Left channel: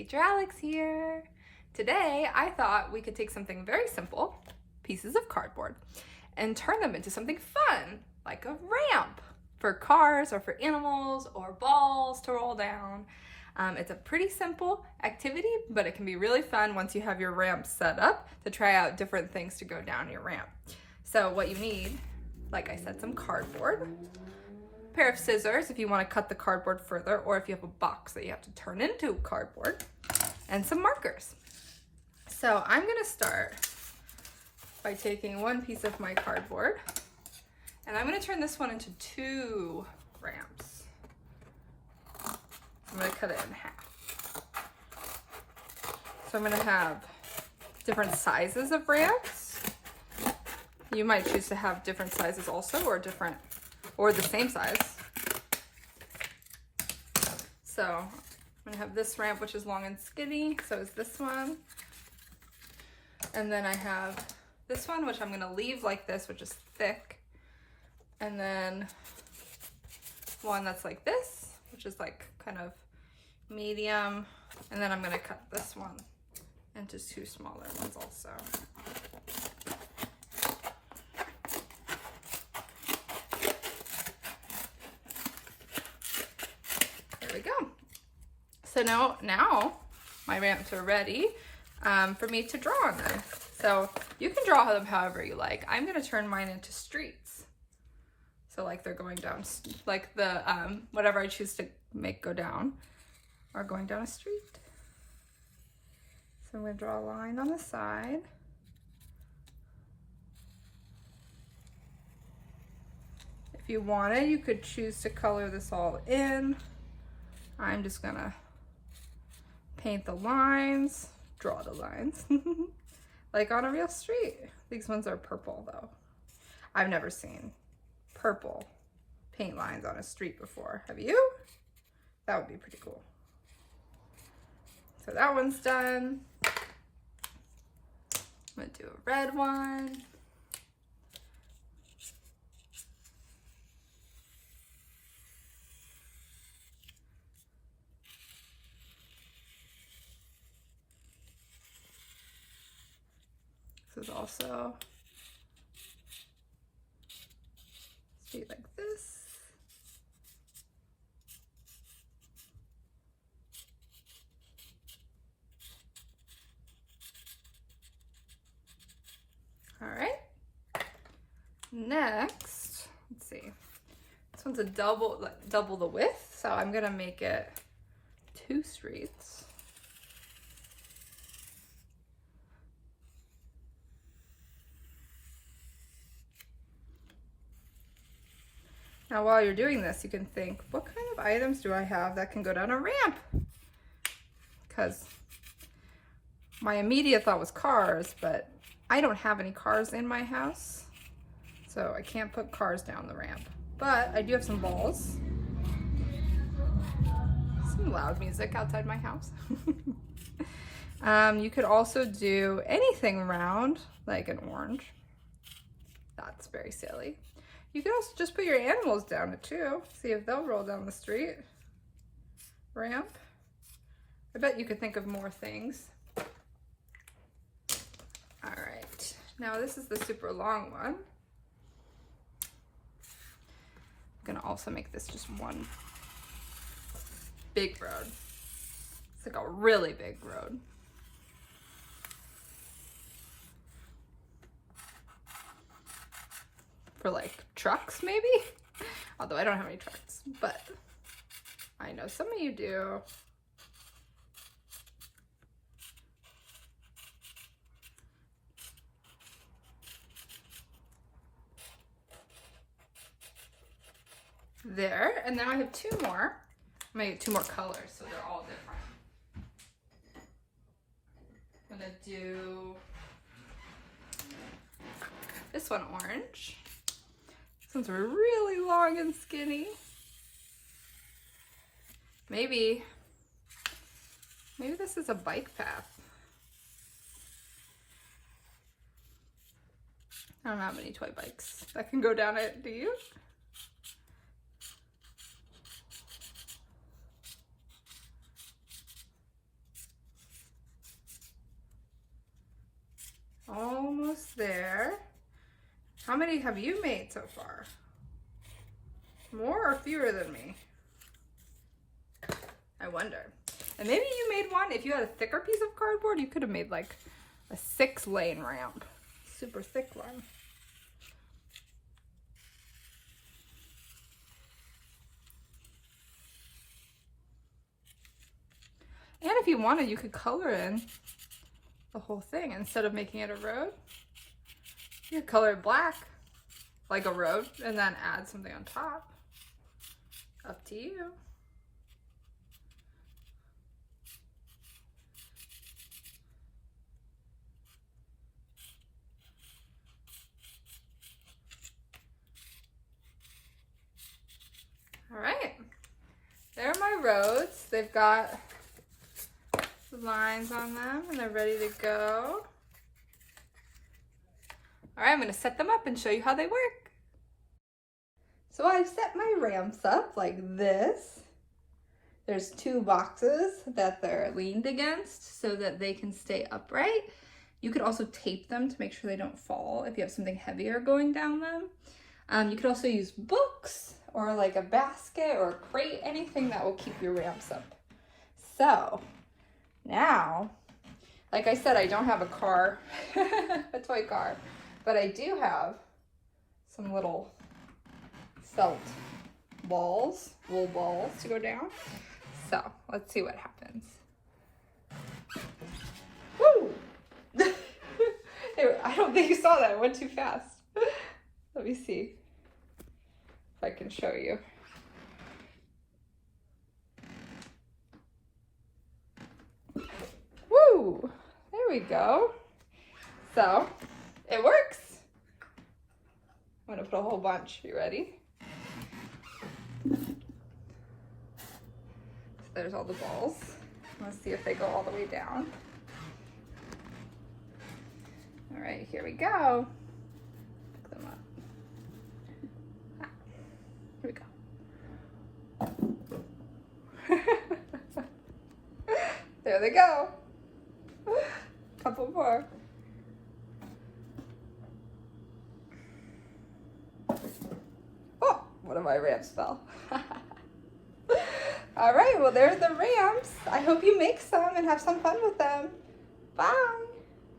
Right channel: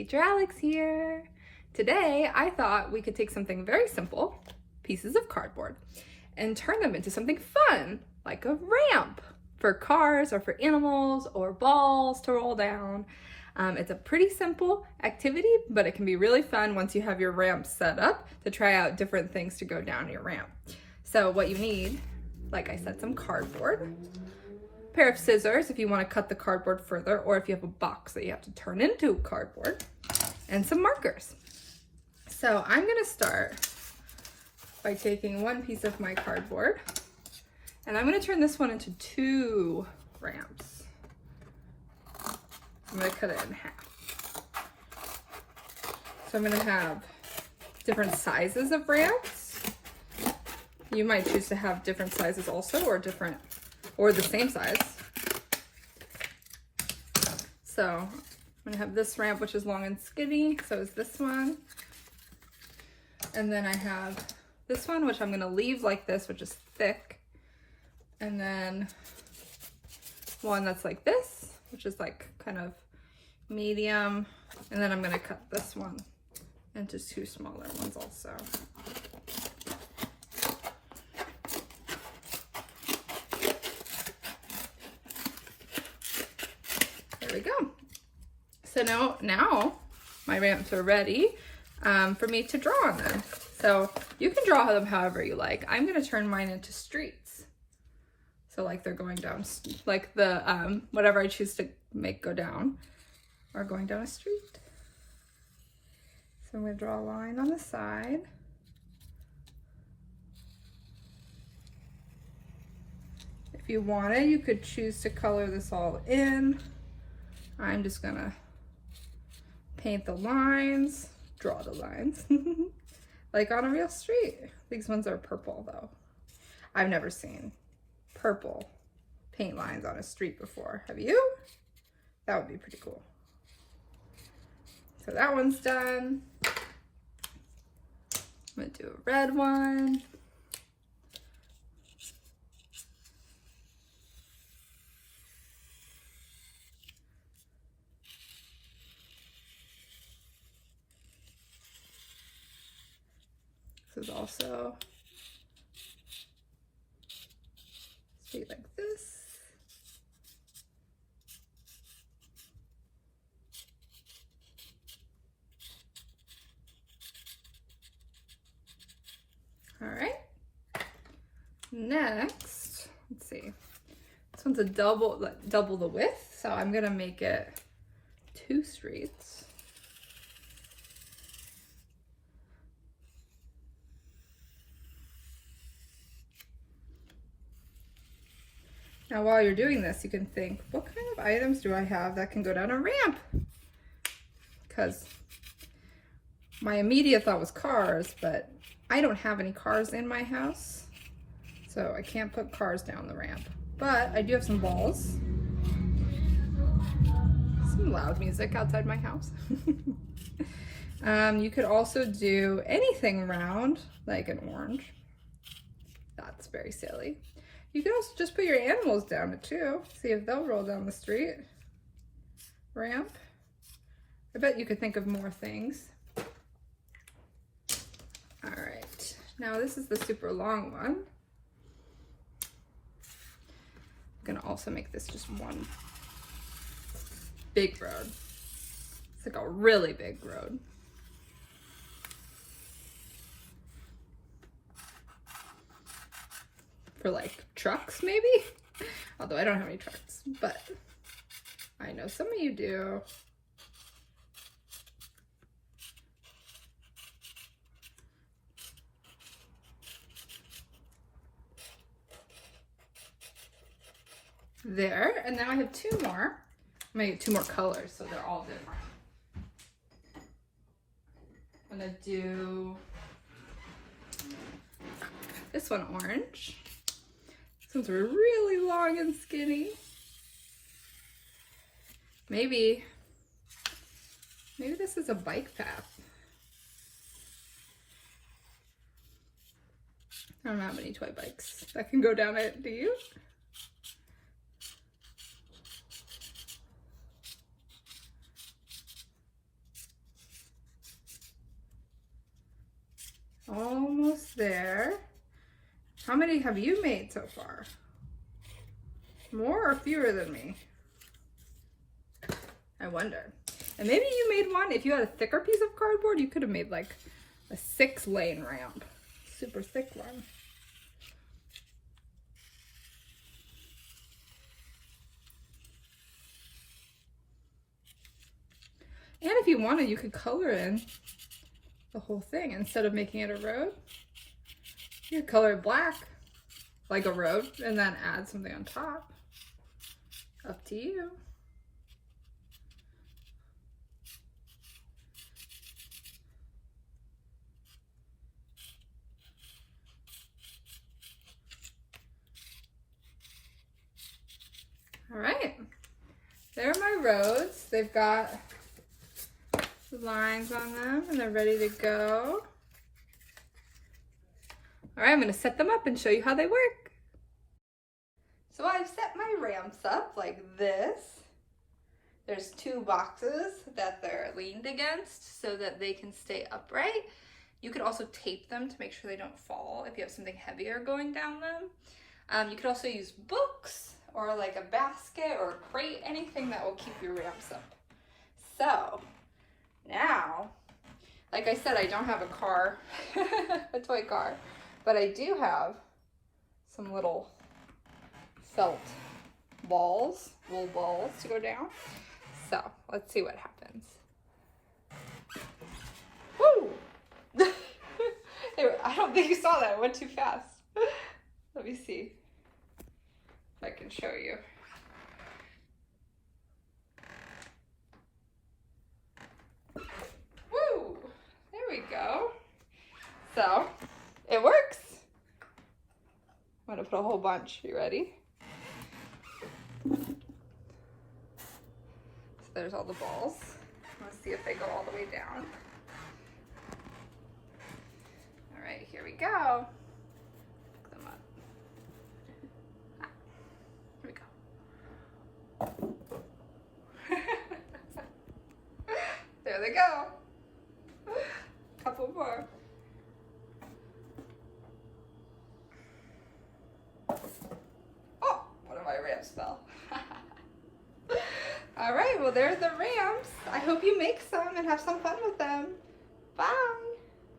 Teacher Alex here. Today I thought we could take something very simple, pieces of cardboard, and turn them into something fun, like a ramp for cars or for animals or balls to roll down. It's a pretty simple activity, but it can be really fun once you have your ramp set up to try out different things to go down your ramp. So what you need, like I said, some cardboard, a pair of scissors if you want to cut the cardboard further, or if you have a box that you have to turn into cardboard, and some markers. So I'm gonna start by taking one piece of my cardboard, and I'm gonna turn this one into 2 ramps. I'm gonna cut it in half. So I'm gonna have different sizes of ramps. You might choose to have different sizes also, or the same size. So I'm gonna have this ramp, which is long and skinny, so is this one. And then I have this one, which I'm gonna leave like this, which is thick. And then one that's like this, which is like kind of medium. And then I'm gonna cut this one into 2 smaller ones also. There we go. So now my ramps are ready for me to draw on them. So you can draw them however you like. I'm gonna turn mine into streets. So like they're going down, like the, whatever I choose to make go down are going down a street. So I'm gonna draw a line on the side. If you wanted, you could choose to color this all in. I'm just gonna paint the lines, draw the lines, like on a real street. These ones are purple though. I've never seen purple paint lines on a street before. Have you? That would be pretty cool. So that one's done. I'm gonna do a red one. This is also street like this. All right. Next, let's see. This one's a double the width, so I'm gonna make it 2 streets. Now, while you're doing this, you can think, what kind of items do I have that can go down a ramp? Because my immediate thought was cars, but I don't have any cars in my house, so I can't put cars down the ramp. But I do have some balls. Some loud music outside my house. You could also do anything round, like an orange. That's very silly. You can also just put your animals down it too. See if they'll roll down the street ramp. I bet you could think of more things. All right, now this is the super long one. I'm gonna also make this just one big road. It's like a really big road. For like trucks maybe? Although I don't have any trucks, but I know some of you do. There, and now I have 2 more. I'm gonna get 2 more colors, so they're all different. I'm gonna do this one orange. This one's really long and skinny. Maybe this is a bike path. I don't have any toy bikes that can go down it, do you? Almost there. How many have you made so far? More or fewer than me? I wonder. And maybe you made one, if you had a thicker piece of cardboard, you could have made like a 6-lane ramp. Super thick one. And if you wanted, you could color in the whole thing instead of making it a road. You could color it black, like a road, and then add something on top. Up to you. All right, there are my roads. They've got lines on them and they're ready to go. All right, I'm gonna set them up and show you how they work. So I've set my ramps up like this. There's 2 boxes that they're leaned against so that they can stay upright. You could also tape them to make sure they don't fall if you have something heavier going down them. You could also use books or like a basket or a crate, anything that will keep your ramps up. So now, like I said, I don't have a car, a toy car, but I do have some little felt balls, wool balls to go down. So let's see what happens. Woo! I don't think you saw that, it went too fast. Let me see if I can show you. Woo! There we go. So it works. I'm gonna put a whole bunch. You ready? So there's all the balls. Let's see if they go all the way down. All right, here we go. Pick them up. Here we go. There they go. Couple more. Oh, one of my ramps fell. All right, well, there's the ramps. I hope you make some and have some fun with them.